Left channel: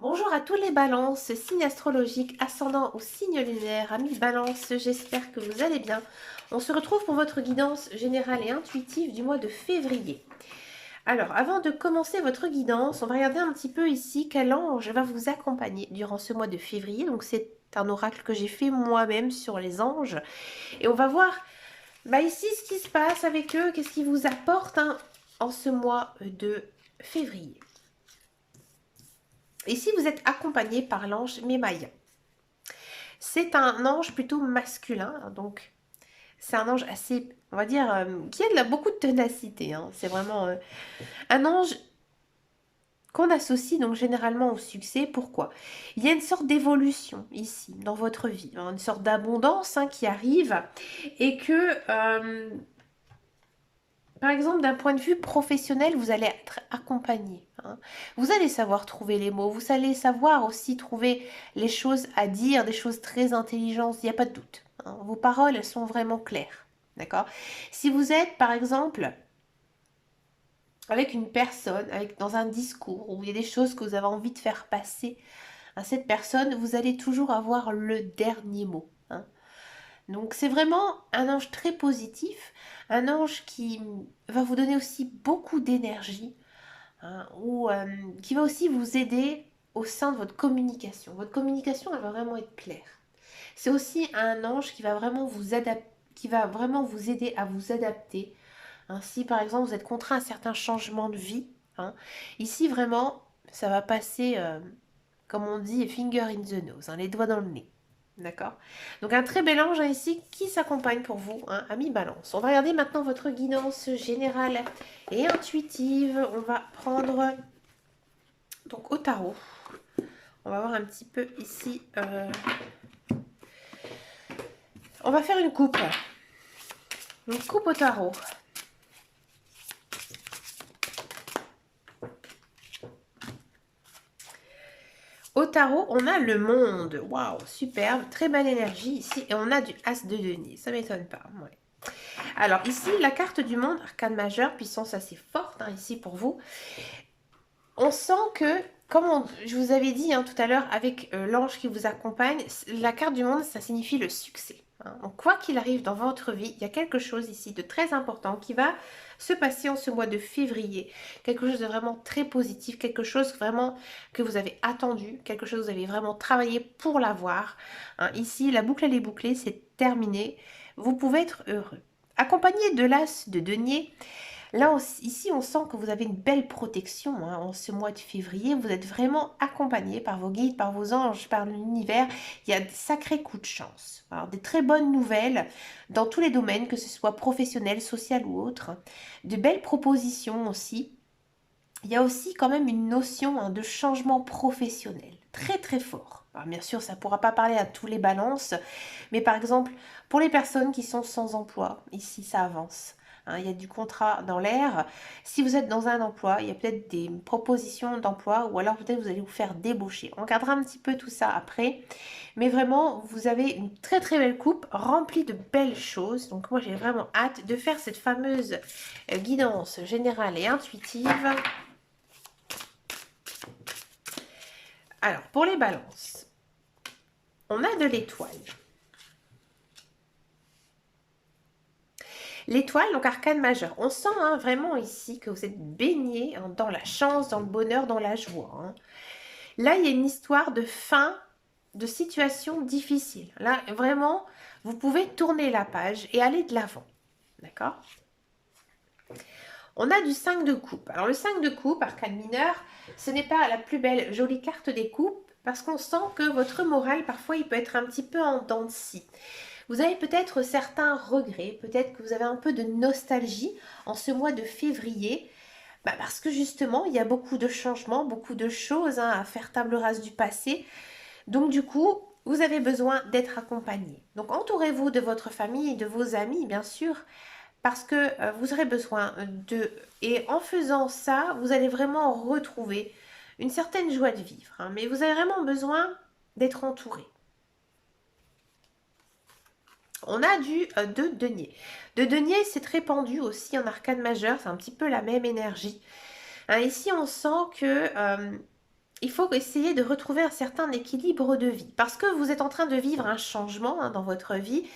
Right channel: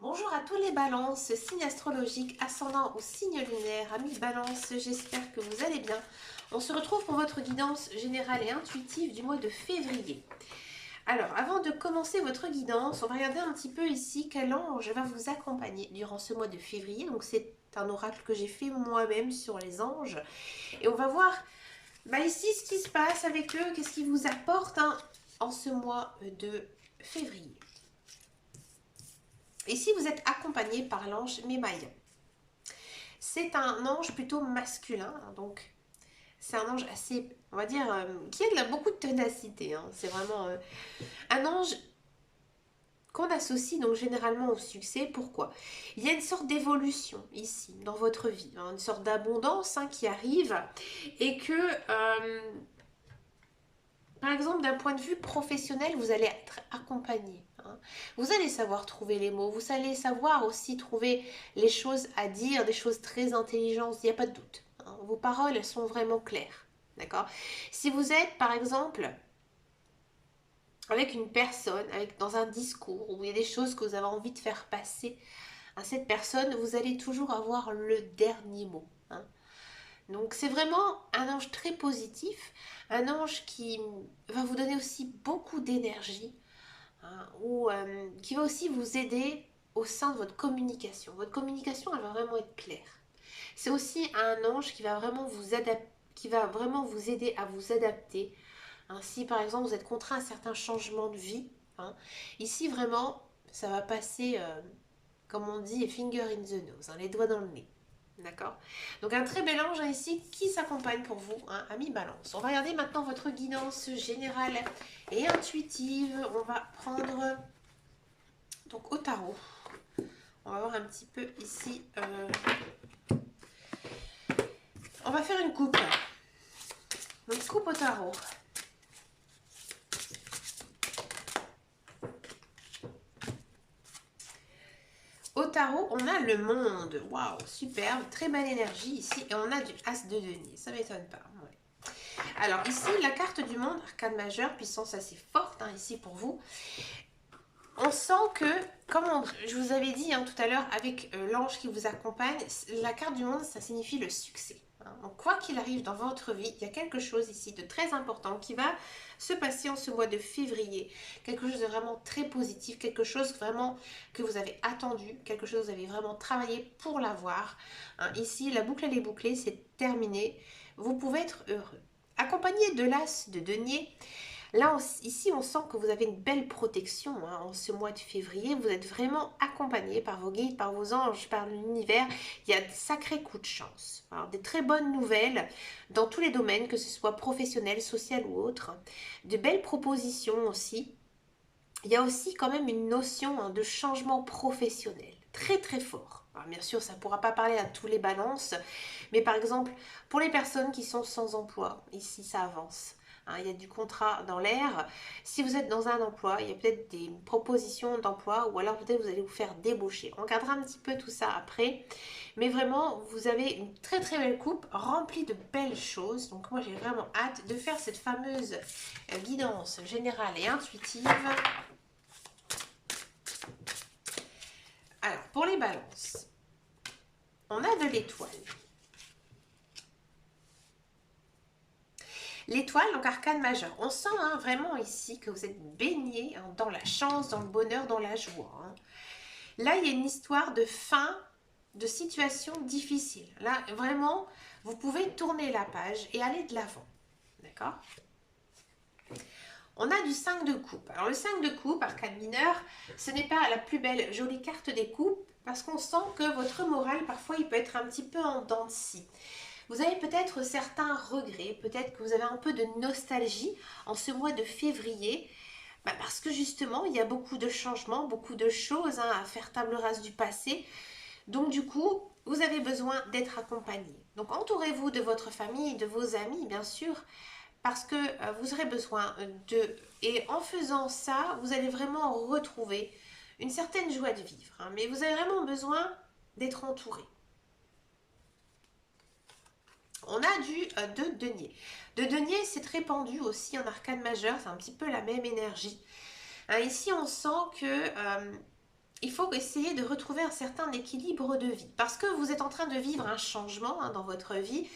Bonjour à tous les balances, signes astrologiques, ascendant ou signe lunaire, amis balance, j'espère que vous allez bien. On se retrouve pour votre guidance générale et intuitive du mois de février. Alors, avant de commencer votre guidance, on va regarder un petit peu ici quel ange va vous accompagner durant ce mois de février. Donc, c'est un oracle que j'ai fait moi-même sur les anges. Et on va voir ici ce qui se passe avec eux, qu'est-ce qu'ils vous apportent en ce mois de février. Ici, vous êtes accompagné par l'ange Mémaïa. C'est un ange plutôt masculin, donc c'est un ange assez, on va dire, qui a beaucoup de ténacité. C'est vraiment un ange qu'on associe donc généralement au succès. Pourquoi? Il y a une sorte d'évolution ici dans votre vie, une sorte d'abondance qui arrive et que par exemple, d'un point de vue professionnel, vous allez être accompagné. Vous allez savoir trouver les mots, vous allez savoir aussi trouver les choses à dire, des choses très intelligentes, il n'y a pas de doute. Vos paroles, elles sont vraiment claires. D'accord? Si vous êtes, par exemple, avec une personne, dans un discours, où il y a des choses que vous avez envie de faire passer à cette personne, vous allez toujours avoir le dernier mot. Donc c'est vraiment un ange très positif, un ange qui va vous donner aussi beaucoup d'énergie, ou qui va aussi vous aider au sein de votre communication. Votre communication, elle va vraiment être claire. C'est aussi un ange qui va vraiment vous aider à vous adapter. Si par exemple vous êtes contraint à certains changements de vie, ici vraiment ça va passer, comme on dit, finger in the nose, les doigts dans le nez. D'accord? Donc un très bel ange ici qui s'accompagne pour vous, ami Balance. On va regarder maintenant votre guidance générale et intuitive. On va prendre donc au tarot. On va voir un petit peu ici. On va faire une coupe. Une coupe au tarot. Au tarot, on a le monde. Waouh, superbe. Très belle énergie ici. Et on a du as de denier. Ça m'étonne pas. Ouais. Alors ici, la carte du monde, arcane majeure, puissance assez forte ici pour vous. On sent que, comme je vous avais dit tout à l'heure avec l'ange qui vous accompagne, la carte du monde, ça signifie le succès. Donc quoi qu'il arrive dans votre vie, il y a quelque chose ici de très important qui va se passer en ce mois de février. Quelque chose de vraiment très positif, quelque chose vraiment que vous avez attendu, quelque chose que vous avez vraiment travaillé pour l'avoir. Ici, la boucle elle est bouclée, c'est terminé. Vous pouvez être heureux. Accompagné de l'as de denier, là, ici, on sent que vous avez une belle protection en ce mois de février. Vous êtes vraiment accompagné par vos guides, par vos anges, par l'univers. Il y a de sacrés coups de chance. Alors, des très bonnes nouvelles dans tous les domaines, que ce soit professionnel, social ou autre. De belles propositions aussi. Il y a aussi quand même une notion de changement professionnel. Très très fort. Alors, bien sûr, ça ne pourra pas parler à tous les balances. Mais par exemple, pour les personnes qui sont sans emploi, ici, ça avance. Il y a du contrat dans l'air. Si vous êtes dans un emploi, il y a peut-être des propositions d'emploi ou alors peut-être vous allez vous faire débaucher. On regardera un petit peu tout ça après. Mais vraiment, vous avez une très très belle coupe remplie de belles choses. Donc moi, j'ai vraiment hâte de faire cette fameuse guidance générale et intuitive. Alors, pour les balances, on a de l'étoile. L'étoile, donc arcane majeur. On sent vraiment ici que vous êtes baigné dans la chance, dans le bonheur, dans la joie. Là, il y a une histoire de fin de situation difficile. Là, vraiment, vous pouvez tourner la page et aller de l'avant. D'accord? On a du 5 de coupe. Alors, le 5 de coupe, arcane mineur, ce n'est pas la plus belle, jolie carte des coupes parce qu'on sent que votre moral, parfois, il peut être un petit peu en dents de scie. Vous avez peut-être certains regrets, peut-être que vous avez un peu de nostalgie en ce mois de février, parce que justement, il y a beaucoup de changements, beaucoup de choses à faire table rase du passé. Donc du coup, vous avez besoin d'être accompagné. Donc entourez-vous de votre famille, de vos amis, bien sûr, parce que vous aurez besoin de... Et en faisant ça, vous allez vraiment retrouver une certaine joie de vivre. Mais vous avez vraiment besoin d'être entouré. On a du de denier. De denier, c'est répandu aussi en arcane majeur, c'est un petit peu la même énergie. Ici, on sent que il faut essayer de retrouver un certain équilibre de vie. Parce que vous êtes en train de vivre un changement dans votre vie.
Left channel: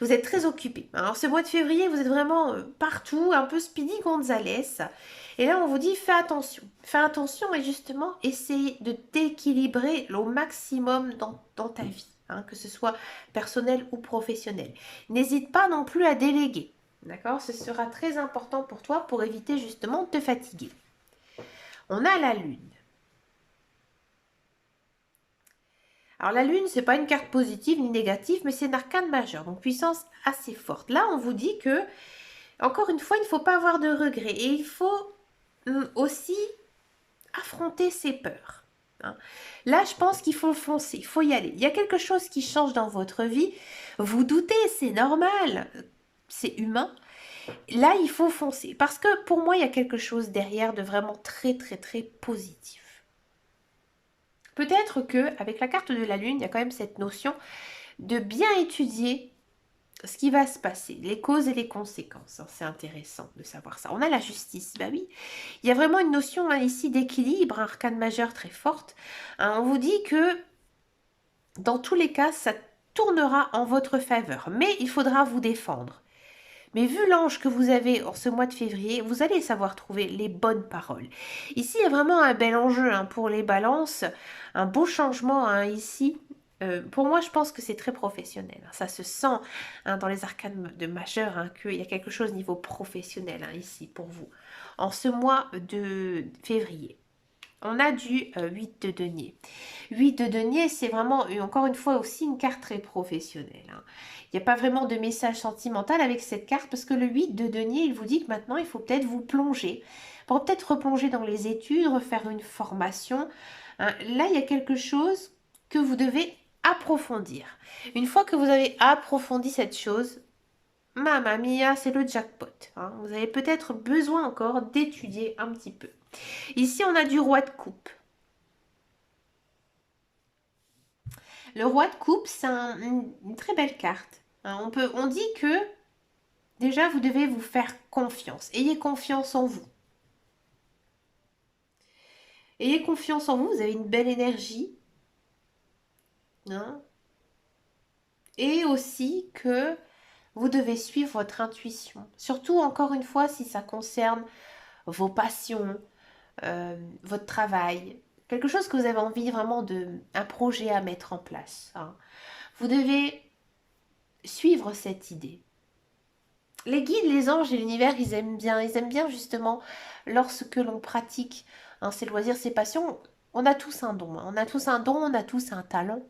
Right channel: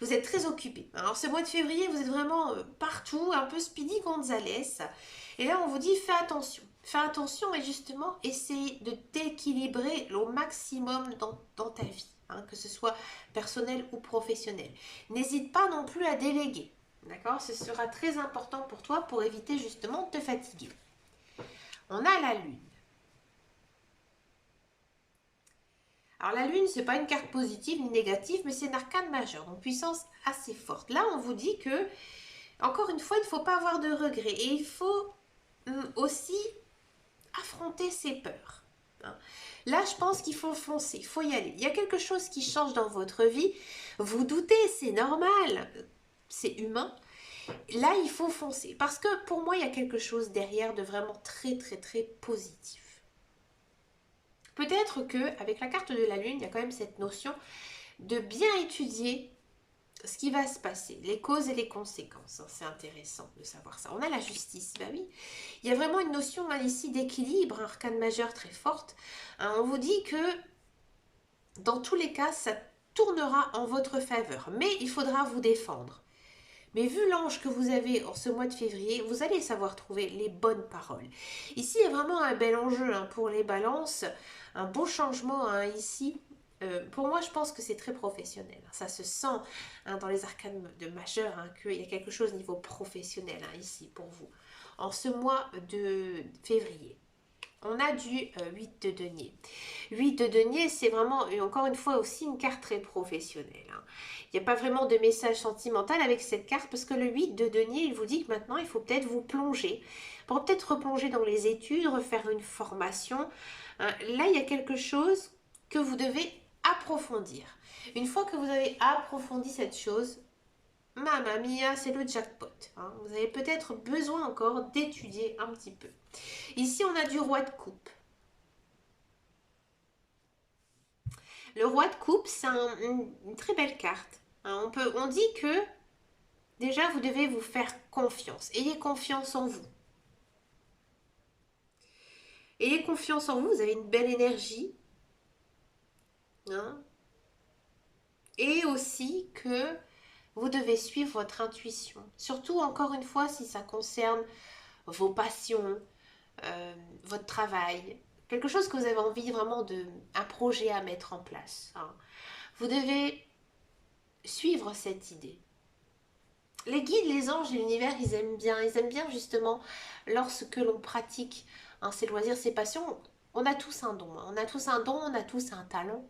Vous êtes très occupé. Alors ce mois de février, vous êtes vraiment partout, un peu Speedy Gonzales. Et là, on vous dit, fais attention. Fais attention et justement, essaye de t'équilibrer au maximum dans ta vie. Que ce soit personnel ou professionnel. N'hésite pas non plus à déléguer. D'accord? Ce sera très important pour toi pour éviter justement de te fatiguer. On a la lune. Alors la lune, c'est pas une carte positive ni négative, mais c'est une arcane majeure, donc puissance assez forte. Là, on vous dit que, encore une fois, il ne faut pas avoir de regrets et il faut aussi affronter ses peurs. Là, je pense qu'il faut foncer, il faut y aller. Il y a quelque chose qui change dans votre vie. Vous doutez, c'est normal, c'est humain. Là, il faut foncer parce que pour moi, il y a quelque chose derrière de vraiment très, très, très positif. Peut-être que avec la carte de la lune, il y a quand même cette notion de bien étudier ce qui va se passer, les causes et les conséquences. C'est intéressant de savoir ça. On a la justice, bah oui. Il y a vraiment une notion ici d'équilibre, un arcane majeur très forte. On vous dit que dans tous les cas, ça tournera en votre faveur, mais il faudra vous défendre. Mais vu l'ange que vous avez en ce mois de février, vous allez savoir trouver les bonnes paroles. Ici, il y a vraiment un bel enjeu pour les balances, un beau changement ici. Pour moi, je pense que c'est très professionnel. Ça se sent dans les arcanes de majeur qu'il y a quelque chose au niveau professionnel ici pour vous. En ce mois de février. On a du 8 de denier. 8 de denier, c'est vraiment, encore une fois, aussi une carte très professionnelle. Il n'y a pas vraiment de message sentimental avec cette carte parce que le 8 de denier, il vous dit que maintenant, il faut peut-être vous plonger. Pour peut-être replonger dans les études, refaire une formation. Là, il y a quelque chose que vous devez approfondir. Une fois que vous avez approfondi cette chose, Mamma mia, c'est le jackpot. Vous avez peut-être besoin encore d'étudier un petit peu. Ici, on a du roi de coupe. Le roi de coupe, c'est une très belle carte. On dit que déjà, vous devez vous faire confiance. Ayez confiance en vous. Ayez confiance en vous, vous avez une belle énergie. Et aussi que vous devez suivre votre intuition. Surtout, encore une fois, si ça concerne vos passions, votre travail, quelque chose que vous avez envie vraiment un projet à mettre en place. Vous devez suivre cette idée. Les guides, les anges et l'univers, ils aiment bien justement lorsque l'on pratique ses loisirs, ses passions. On a tous un don, on a tous un don, on a tous un talent.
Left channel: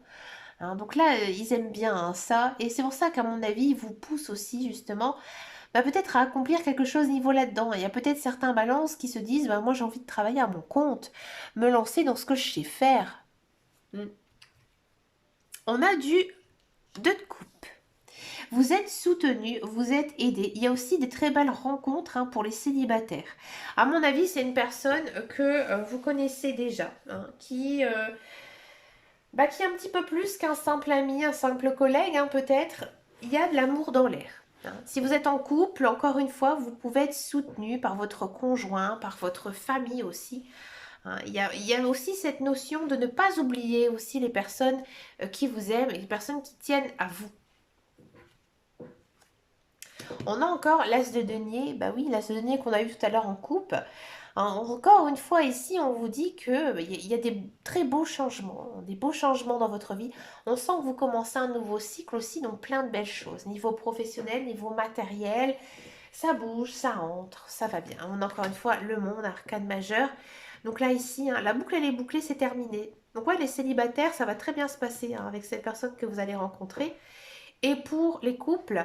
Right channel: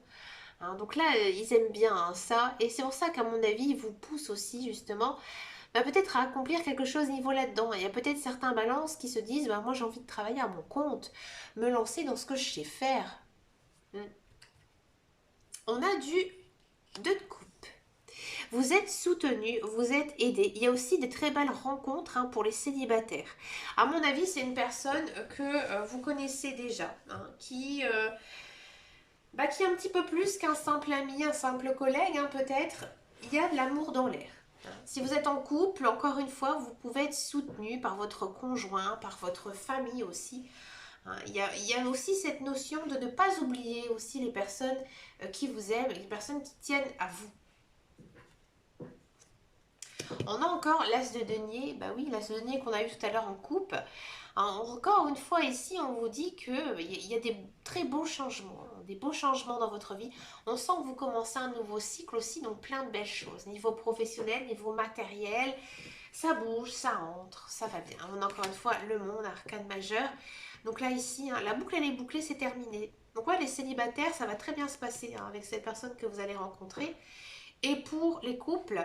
Donc là, ils aiment bien ça, et c'est pour ça qu'à mon avis, ils vous poussent aussi justement peut-être à accomplir quelque chose niveau là-dedans. Il y a peut-être certains balances qui se disent, moi j'ai envie de travailler à mon compte, me lancer dans ce que je sais faire. On a du 2 de coupe. Vous êtes soutenu, vous êtes aidé. Il y a aussi des très belles rencontres pour les célibataires. À mon avis, c'est une personne que vous connaissez déjà, qui est un petit peu plus qu'un simple ami, un simple collègue, peut-être. Il y a de l'amour dans l'air. Si vous êtes en couple, encore une fois, vous pouvez être soutenu par votre conjoint, par votre famille aussi. Il y a aussi cette notion de ne pas oublier aussi les personnes qui vous aiment et les personnes qui tiennent à vous. On a encore l'as de denier, oui, l'as de denier qu'on a eu tout à l'heure en coupe. Encore une fois ici, on vous dit qu'il y a des très beaux changements, dans votre vie. On sent que vous commencez un nouveau cycle aussi, donc plein de belles choses. Niveau professionnel, niveau matériel, ça bouge, ça entre, ça va bien. On a encore une fois le monde, arcane majeur. Donc là ici, la boucle elle est bouclée, c'est terminé. Donc ouais, les célibataires, ça va très bien se passer avec cette personne que vous allez rencontrer. Et pour les couples,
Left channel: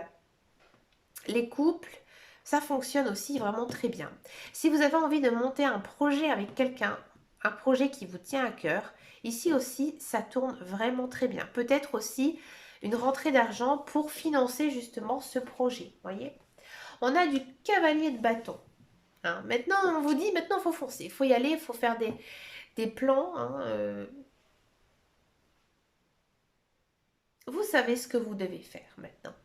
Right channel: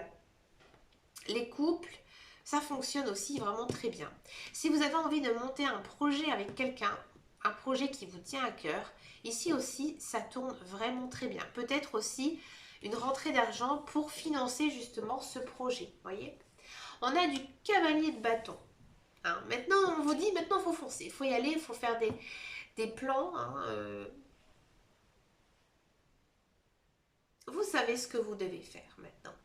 ça fonctionne aussi vraiment très bien. Si vous avez envie de monter un projet avec quelqu'un, un projet qui vous tient à cœur, ici aussi, ça tourne vraiment très bien. Peut-être aussi une rentrée d'argent pour financer justement ce projet. Voyez, on a du cavalier de bâton. Maintenant, on vous dit, maintenant, il faut foncer. Il faut y aller, il faut faire des plans. Vous savez ce que vous devez faire maintenant.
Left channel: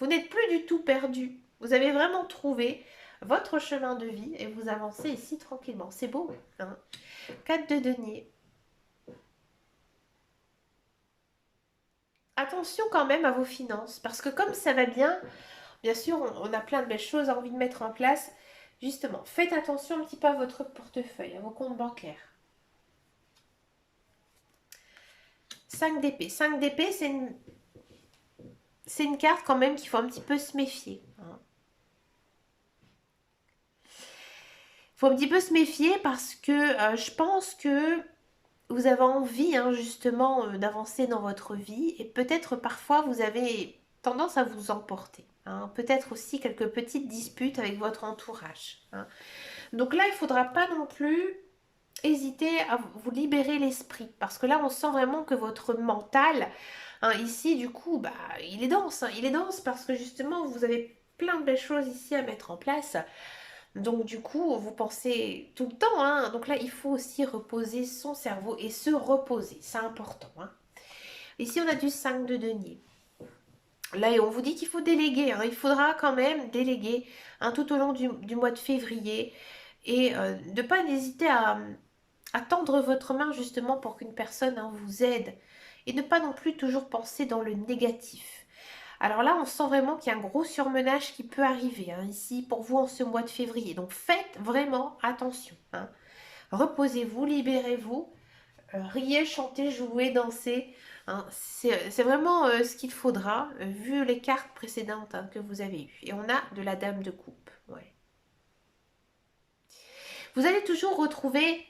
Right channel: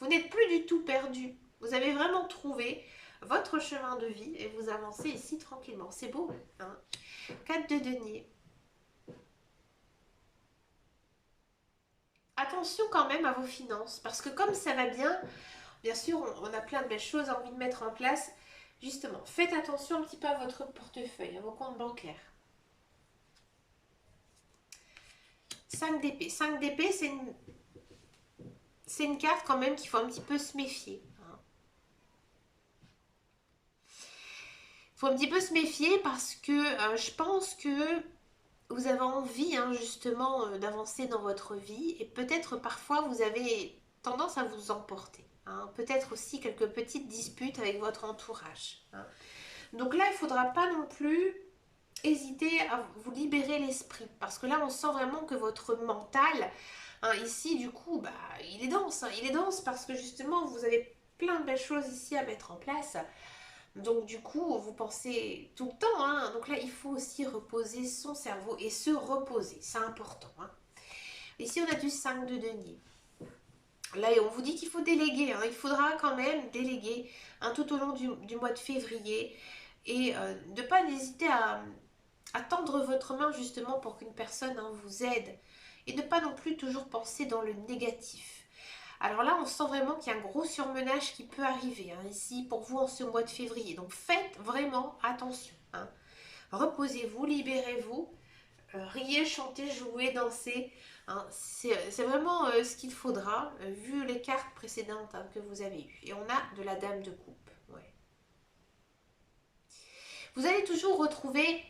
Vous n'êtes plus du tout perdu. Vous avez vraiment trouvé votre chemin de vie et vous avancez ici tranquillement. C'est beau. 4 de denier. attention quand même à vos finances. Parce que comme ça va bien sûr, on a plein de belles choses à envie de mettre en place. Justement, faites attention un petit peu à votre portefeuille, à vos comptes bancaires. 5 d'épée. 5 d'épée, c'est une carte quand même qu'il faut un petit peu se méfier. Il faut un petit peu se méfier parce que je pense que vous avez envie justement d'avancer dans votre vie et peut-être parfois vous avez tendance à vous emporter. Peut-être aussi quelques petites disputes avec votre entourage. Donc là, il ne faudra pas non plus hésiter à vous libérer l'esprit parce que là, on sent vraiment que votre mental, ici, du coup, bah, il est dense. Il est dense parce que justement, vous avez plein de belles choses ici à mettre en place. Donc du coup, vous pensez tout le temps. Donc là, il faut aussi reposer son cerveau et se reposer. C'est important. Ici, on a du 5 de denier. Là, on vous dit qu'il faut déléguer. Il faudra quand même déléguer tout au long du mois de février. Et de ne pas hésiter à tendre votre main justement pour qu'une personne vous aide. Et ne pas non plus toujours penser dans le négatif. Alors là, on sent vraiment qu'il y a un gros surmenage qui peut arriver ici pour vous en ce mois de février. Donc faites vraiment attention. Reposez-vous, libérez-vous, riez, chantez, jouez, dansez. C'est vraiment ce qu'il faudra vu les cartes précédentes que vous avez eues. Et on a de la dame de coupe. Ouais. Vous allez toujours retrouver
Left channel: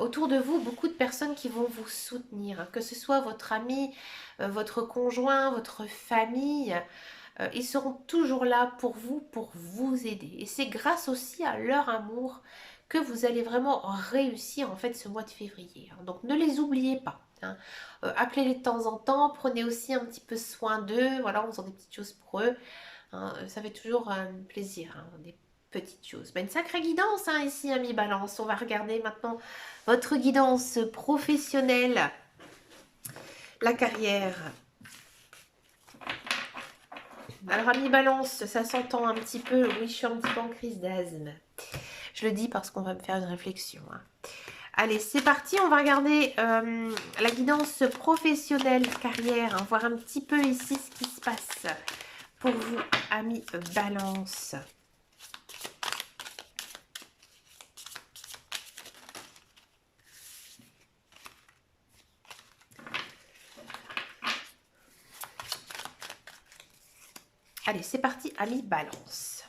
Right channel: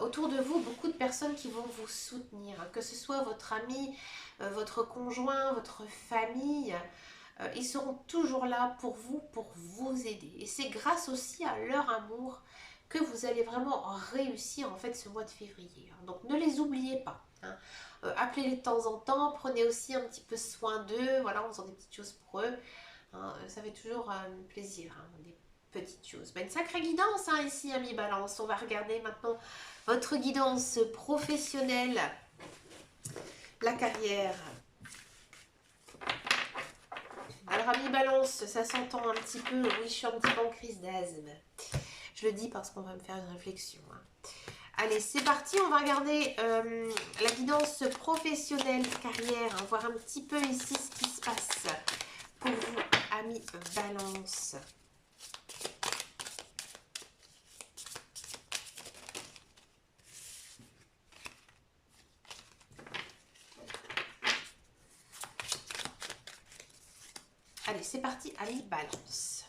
autour de vous beaucoup de personnes qui vont vous soutenir, que ce soit votre ami, votre conjoint, votre famille, ils seront toujours là pour vous aider. Et c'est grâce aussi à leur amour que vous allez vraiment réussir en fait ce mois de février. Donc ne les oubliez pas. Appelez-les de temps en temps, prenez aussi un petit peu soin d'eux, voilà, en faisant des petites choses pour eux. Ça fait toujours plaisir, des petites choses. Une sacrée guidance ici, ami Balance. On va regarder maintenant votre guidance professionnelle, la carrière. Alors, ami Balance, ça s'entend un petit peu. Oui, je suis un petit peu en crise d'asthme. Je le dis parce qu'on va me faire une réflexion. Allez, c'est parti. On va regarder la guidance professionnelle, carrière. Voir un petit peu ici ce qui se passe pour vous, ami Balance. Allez, c'est parti, ami Balance.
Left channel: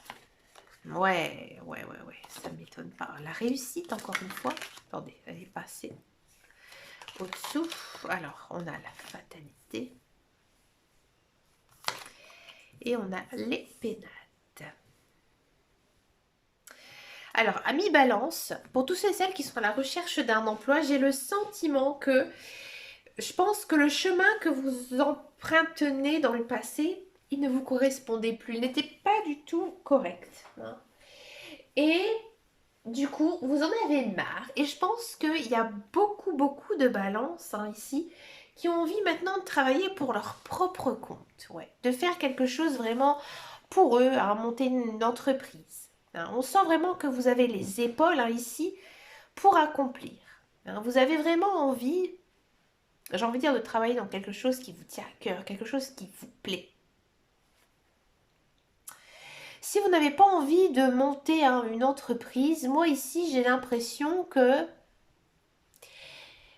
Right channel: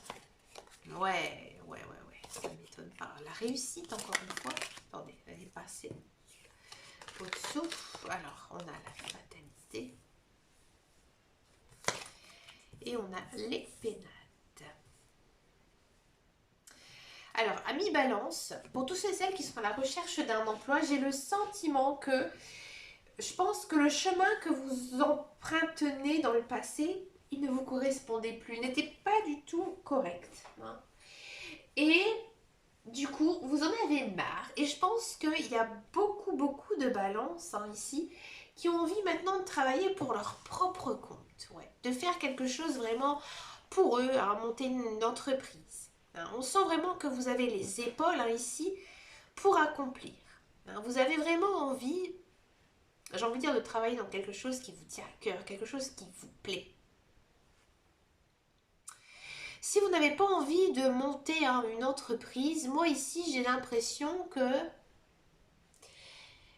Ouais, ça ne m'étonne pas. La réussite, encore une fois. Attendez, elle est passée au-dessous. Alors, on a la fatalité. Et on a les pénates. Alors, ami Balance, pour tous ceux et celles qui sont à la recherche d'un emploi, j'ai le sentiment que je pense que le chemin que vous empruntez dans le passé, il ne vous correspondait plus. Il n'était pas du tout correct. Et du coup, vous en avez marre. Et je pense qu'il y a beaucoup de balances ici qui ont envie maintenant de travailler pour leur propre compte. De faire quelque chose vraiment pour eux, monter une entreprise. On sent vraiment que vous avez les épaules ici pour accomplir. Vous avez vraiment envie, j'ai envie de dire, de travailler dans quelque chose qui vous tient à cœur, quelque chose qui vous plaît. Si vous n'avez pas envie de monter une entreprise, moi ici j'ai l'impression que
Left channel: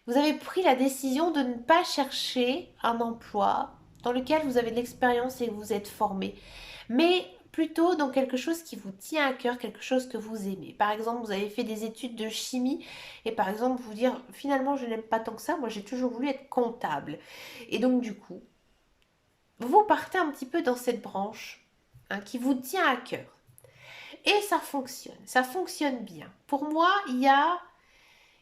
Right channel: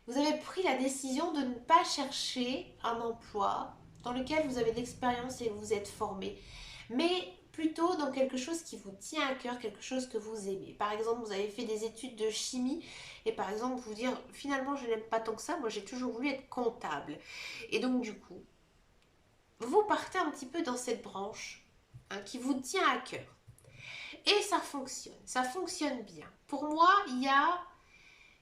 vous avez pris la décision de ne pas chercher un emploi dans lequel vous avez de l'expérience et que vous êtes formé, mais plutôt dans quelque chose qui vous tient à cœur, quelque chose que vous aimez. Par exemple, vous avez fait des études de chimie et par exemple vous dire finalement je n'aime pas tant que ça, moi j'ai toujours voulu être comptable. Et donc du coup, vous partez un petit peu dans cette branche qui vous tient à cœur. Et ça fonctionne bien. Pour moi, il y a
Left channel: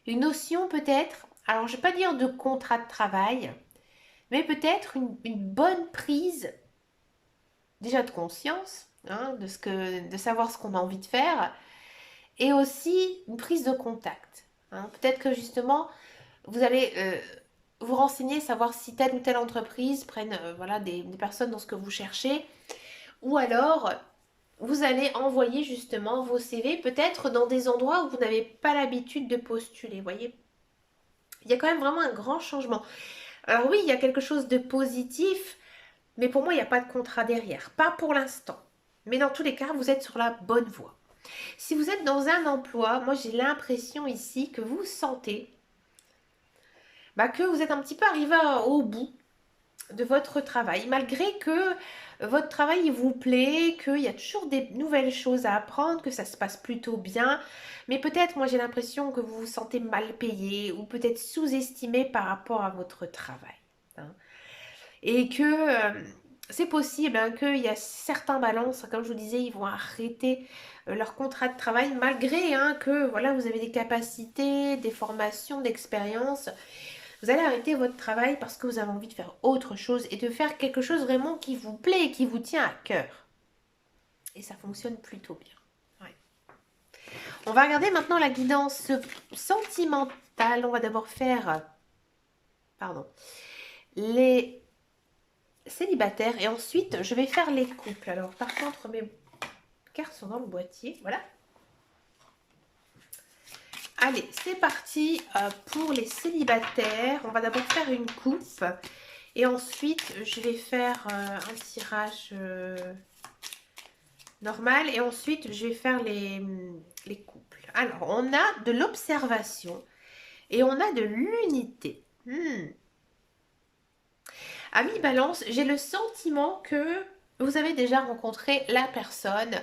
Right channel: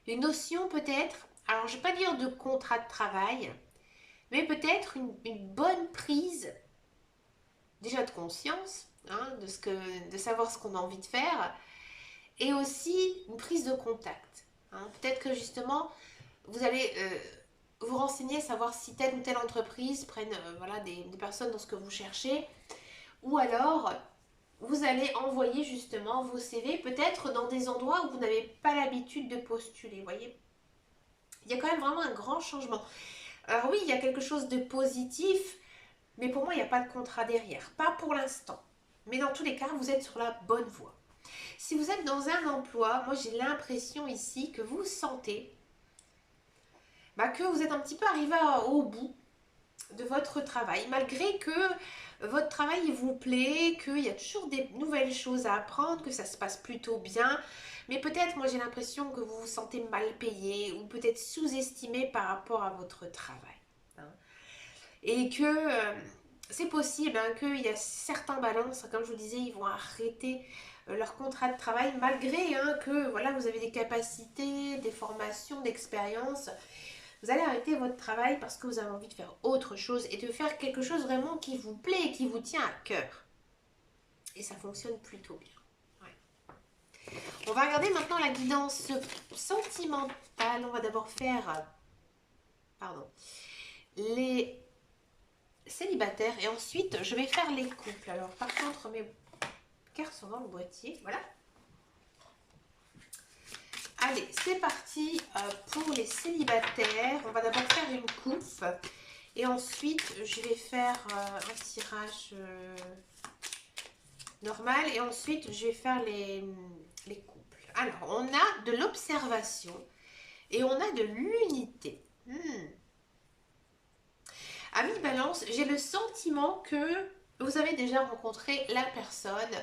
une notion peut-être, alors je ne vais pas dire de contrat de travail, mais peut-être une bonne prise déjà de conscience, de savoir ce qu'on a envie de faire, et aussi une prise de contact. Peut-être que justement, vous allez vous renseigner, savoir si telle ou telle entreprise prenne des personnes dans ce que vous cherchez, ou alors vous allez envoyer justement vos CV peut-être dans des endroits où vous n'avez pas l'habitude de postuler, voyez. Il y a quand même vraiment un grand changement. Alors oui, il y a quelque chose de positif, mais pour moi, il n'y a pas de contrat derrière. Pas pour l'instant. Mais dans tous les cas, vous êtes sur la bonne voie. Si vous êtes dans un emploi, moi j'ai l'impression ici que vous sentez que vous êtes un petit peu arrivé au bout de votre travail, malgré que votre travail vous plaît, qu'il y a toujours des nouvelles choses à apprendre, que ça se passe plutôt bien, mais peut-être moi j'ai l'impression que vous vous sentez mal payé ou peut-être sous-estimé par rapport à votre travail. Hein. Et que c'est possible qu'il y a certains balances, comme je vous disais, ils vont arrêter leur contrat de travail malgré que voilà, vous avez des capacités, des formations, d'expérience. Vous allez arrêter votre travail parce que vous avez envie de faire autre chose et de faire quelque chose vraiment qui vous plaît et qui vous tient à cœur. Et ça fonctionne plutôt bien. Ouais. On va regarder maintenant la guidance sentimentale. On va d'abord faire les célibataires et ensuite je vais faire les couples. Alors par contre mes cartes sont dans le boîtier. Voilà. Allez, c'est parti pour les célibataires. On va d'abord faire une coupe. Et ensuite, je vais faire un tirage normal. Et ensuite, je vais faire les couples. Alors, on a de l'observation et on a de l'unité. Ami Balance, j'ai le sentiment que vous avez déjà rencontré la personne,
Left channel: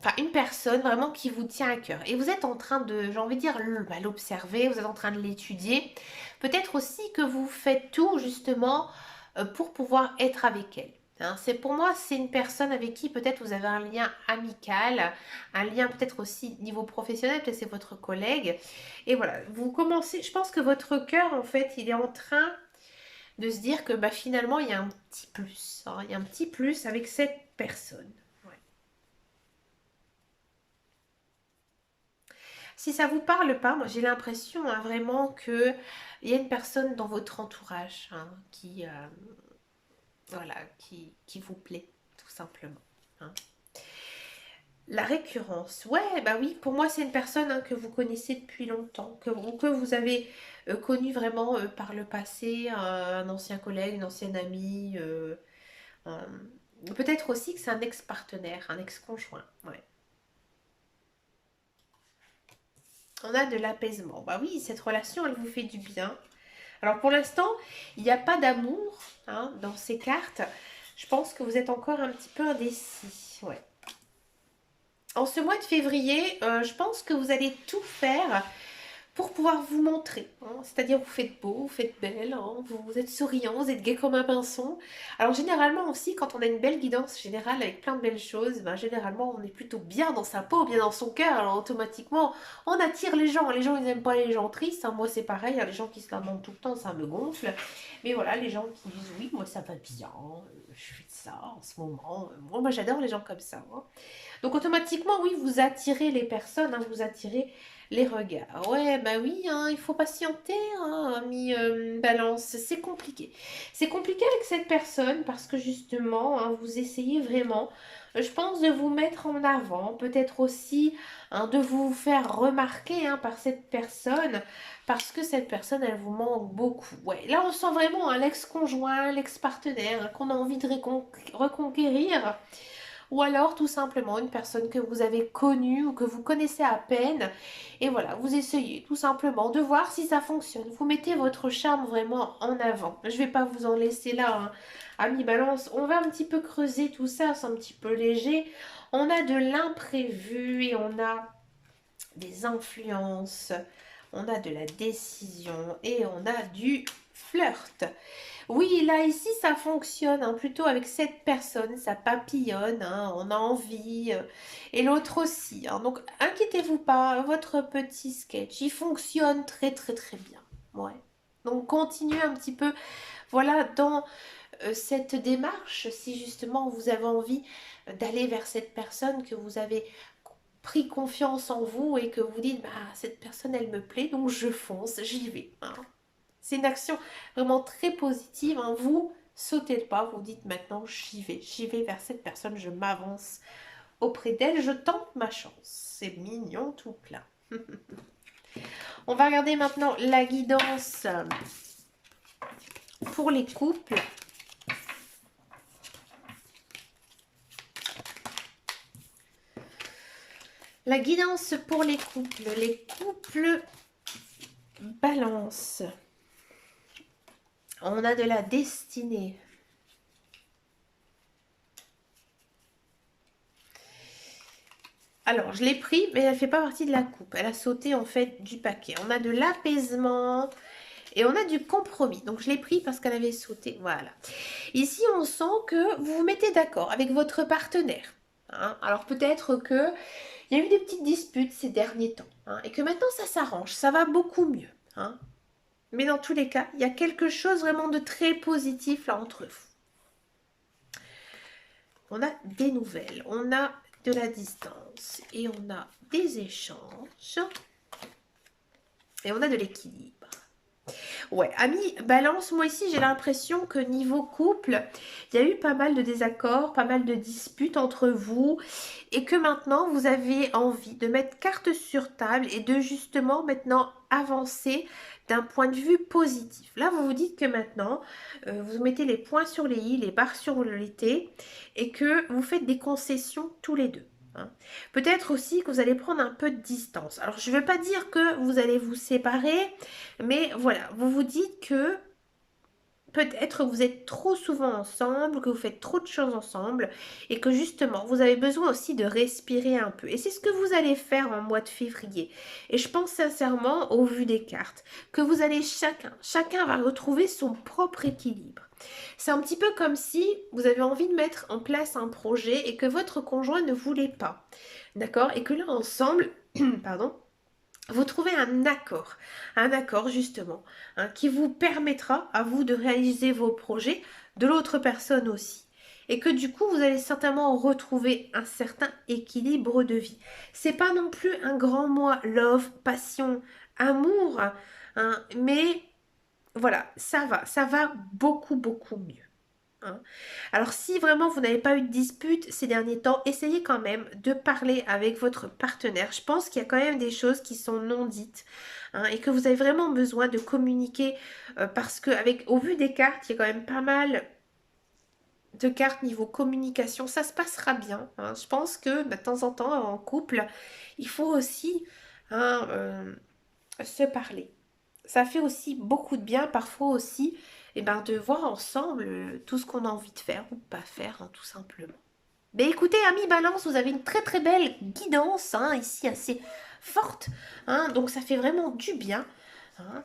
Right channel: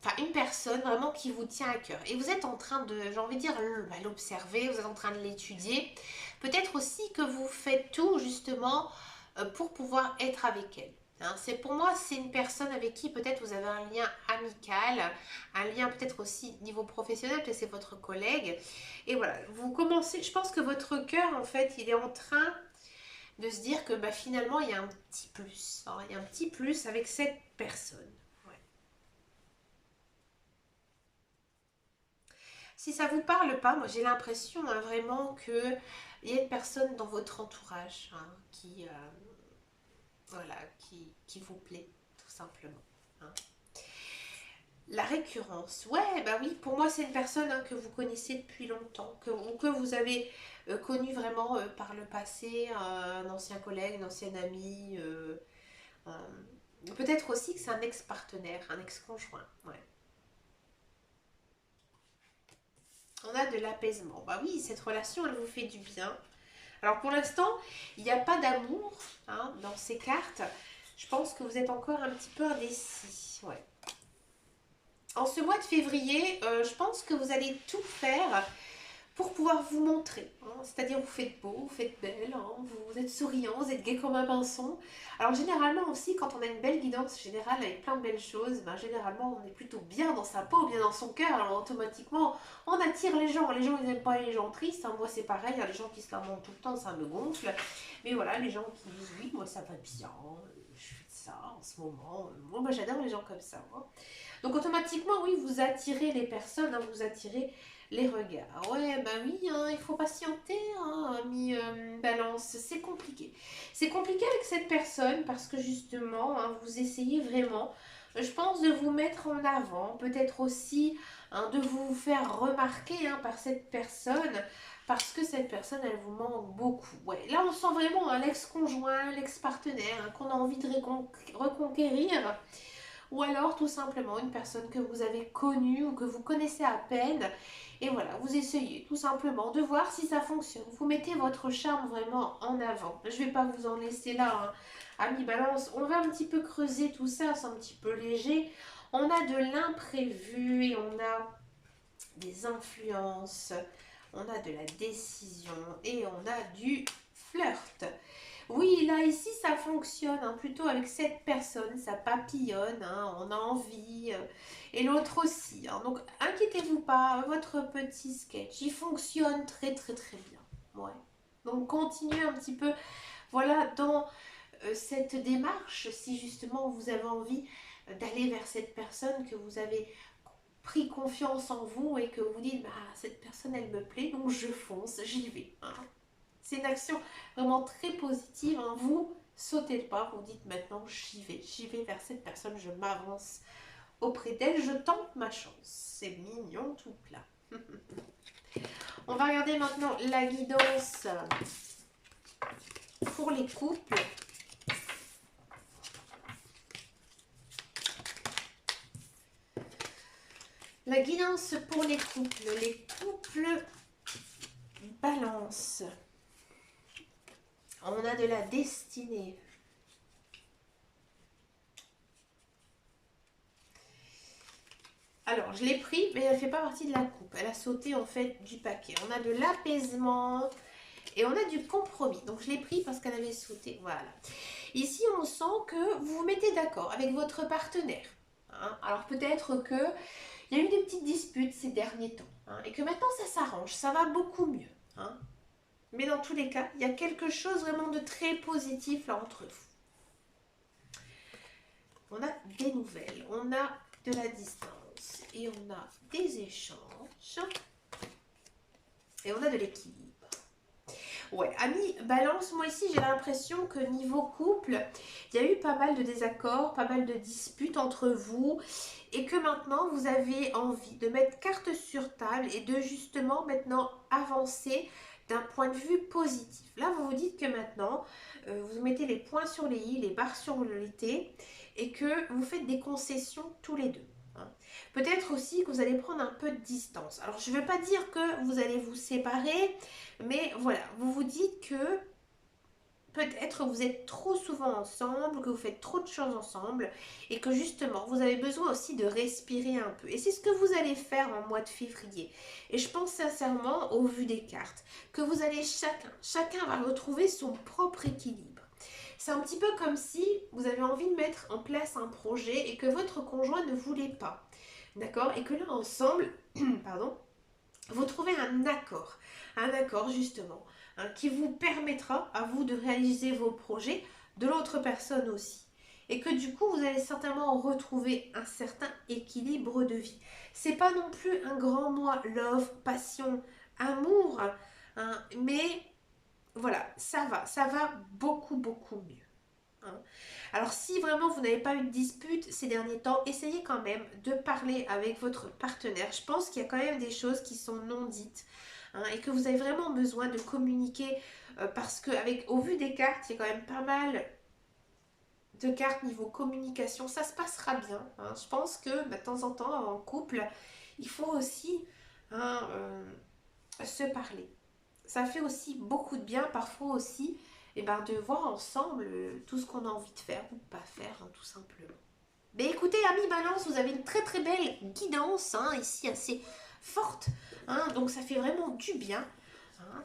enfin une personne vraiment qui vous tient à cœur. Et vous êtes en train de, j'ai envie de dire, l'observer, vous êtes en train de l'étudier. Peut-être aussi que vous faites tout justement pour pouvoir être avec elle. Hein, c'est pour moi, c'est une personne avec qui peut-être vous avez un lien amical, un lien peut-être aussi niveau professionnel, peut-être c'est votre collègue. Et voilà, vous commencez, je pense que votre cœur, en fait, il est en train de se dire que finalement, il y a un petit plus. Hein, il y a un petit plus avec cette personne. Ouais. Si ça vous parle pas, moi j'ai l'impression vraiment que il y a une personne dans votre entourage qui, voilà, qui vous plaît, tout simplement. Hein. La récurrence, ouais, bah oui, pour moi c'est une personne que vous connaissez depuis longtemps, ou que vous avez connu vraiment par le passé, un ancien collègue, une ancienne amie, peut-être aussi que c'est un ex-partenaire, un ex-conjoint, ouais. On a de l'apaisement, bah oui, cette relation elle vous fait du bien. Alors pour l'instant, il n'y a pas d'amour dans ces cartes. Je pense que vous êtes encore un petit peu indécis. Ouais. En ce mois de février, je pense que vous allez tout faire pour pouvoir vous montrer. C'est-à-dire vous faites beau, vous faites belle, vous êtes souriant, vous êtes gai comme un pinson. Alors généralement aussi, quand on a une belle guidance générale avec plein de belles choses, généralement on est plutôt bien dans sa peau, bien dans son cœur. Alors automatiquement, on attire les gens. Les gens, ils n'aiment pas les gens tristes. Moi, c'est pareil. Les gens qui se lamentent tout le temps, ça me gonfle. Mais voilà, les gens qui disent oui, moi ça va bien, je fais ça en ce moment. Moi j'adore les gens comme ça. Donc automatiquement, oui, vous attirez les personnes, vous attirez les regards. Ouais, bah oui, il faut patienter, ami Balance. C'est compliqué. C'est compliqué avec cette personne parce que justement, vous essayez vraiment, je pense, de vous mettre en avant. Peut-être aussi de vous faire remarquer par cette personne parce que cette personne, elle vous manque beaucoup. Ouais, là, on sent vraiment l'ex-conjoint, l'ex-partenaire qu'on a envie de reconquérir. Ou alors tout simplement une personne que vous avez connue ou que vous connaissez à peine. Et voilà, vous essayez tout simplement de voir si ça fonctionne. Vous mettez votre charme vraiment en avant. Je ne vais pas vous en laisser là, ami Balance. On va un petit peu creuser tout ça, c'est un petit peu léger. On a de l'imprévu et on a des influences. On a de la décision et on a du flirt. Oui, là, ici, ça fonctionne, plutôt avec cette personne, ça papillonne, on a envie, et l'autre aussi. Donc, inquiétez-vous pas, votre petit sketch, il fonctionne très, très, très bien. Ouais. Donc, continuez un petit peu, voilà, dans cette démarche, si justement vous avez envie d'aller vers cette personne, que vous avez pris confiance en vous et que vous dites, cette personne, elle me plaît, donc je fonce, j'y vais. C'est une action vraiment très positive. Vous sautez le pas, vous dites maintenant j'y vais vers cette personne, je m'avance auprès d'elle, je tente ma chance. C'est mignon tout plein. On va regarder maintenant la guidance pour les couples. La guidance pour les couples balance. On a de la destinée. Alors, je l'ai pris, mais elle ne fait pas partie de la coupe. Elle a sauté en fait du paquet. On a de l'apaisement et on a du compromis. Donc, je l'ai pris parce qu'elle avait sauté. Voilà. Ici, on sent que vous vous mettez d'accord avec votre partenaire. Hein. Alors, peut-être que il y a eu des petites disputes ces derniers temps. Hein, et que maintenant, ça s'arrange. Ça va beaucoup mieux. Hein. Mais dans tous les cas, il y a quelque chose vraiment de très positif là entre vous. On a des nouvelles. On a de la distance et on a des échanges et on a de l'équilibre. Ouais, amis balance, moi ici j'ai l'impression que niveau couple, il y a eu pas mal de désaccords, pas mal de disputes entre vous et que maintenant vous avez envie de mettre carte sur table et de justement maintenant avancer d'un point de vue positif. Là, vous vous dites que maintenant, vous mettez les points sur les i, les barres sur les t et que vous faites des concessions tous les deux. Hein. Peut-être aussi que vous allez prendre un peu de distance. Alors, je ne veux pas dire que vous allez vous séparer, mais voilà, vous vous dites que peut-être vous êtes trop souvent ensemble, que vous faites trop de choses ensemble et que justement, vous avez besoin aussi de respirer un peu. Et c'est ce que vous allez faire en mois de février. Et je pense sincèrement, au vu des cartes, que vous allez chacun va retrouver son propre équilibre. C'est un petit peu comme si vous avez envie de mettre en place un projet et que votre conjoint ne voulait pas. D'accord? Et que là, ensemble, pardon, vous trouvez un accord justement, hein, qui vous permettra à vous de réaliser vos projets, de l'autre personne aussi. Et que du coup, vous allez certainement retrouver un certain équilibre de vie. C'est pas non plus un grand mot love, passion, amour, hein, mais voilà, ça va beaucoup, beaucoup mieux. Hein. Alors si vraiment vous n'avez pas eu de dispute ces derniers temps, essayez quand même de parler avec votre partenaire. Je pense qu'il y a quand même des choses qui sont non dites, hein, et que vous avez vraiment besoin de communiquer parce que au vu des cartes, il y a quand même pas mal de cartes niveau communication. Ça se passera bien. Hein. Je pense que de temps en temps en couple, il faut aussi, hein, se parler. Ça fait aussi beaucoup de bien parfois aussi de voir ensemble tout ce qu'on a envie de faire ou pas faire, hein, tout simplement. Mais écoutez, amis Balance, vous avez une très très belle guidance, hein, ici assez forte, hein, donc ça fait vraiment du bien. Hein.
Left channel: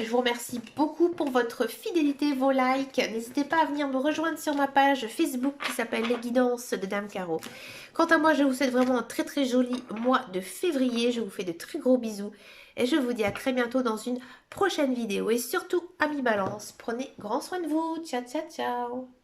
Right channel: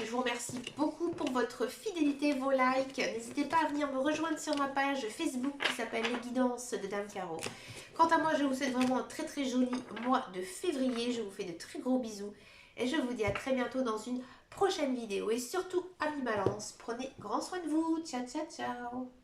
Je vous remercie beaucoup pour votre fidélité, vos likes. N'hésitez pas à venir me rejoindre sur ma page Facebook qui s'appelle Les Guidances de Dame Caro. Quant à moi, je vous souhaite vraiment un très très joli mois de février. Je vous fais de très gros bisous. Et je vous dis à très bientôt dans une prochaine vidéo. Et surtout, amis Balance, prenez grand soin de vous. Ciao, ciao, ciao.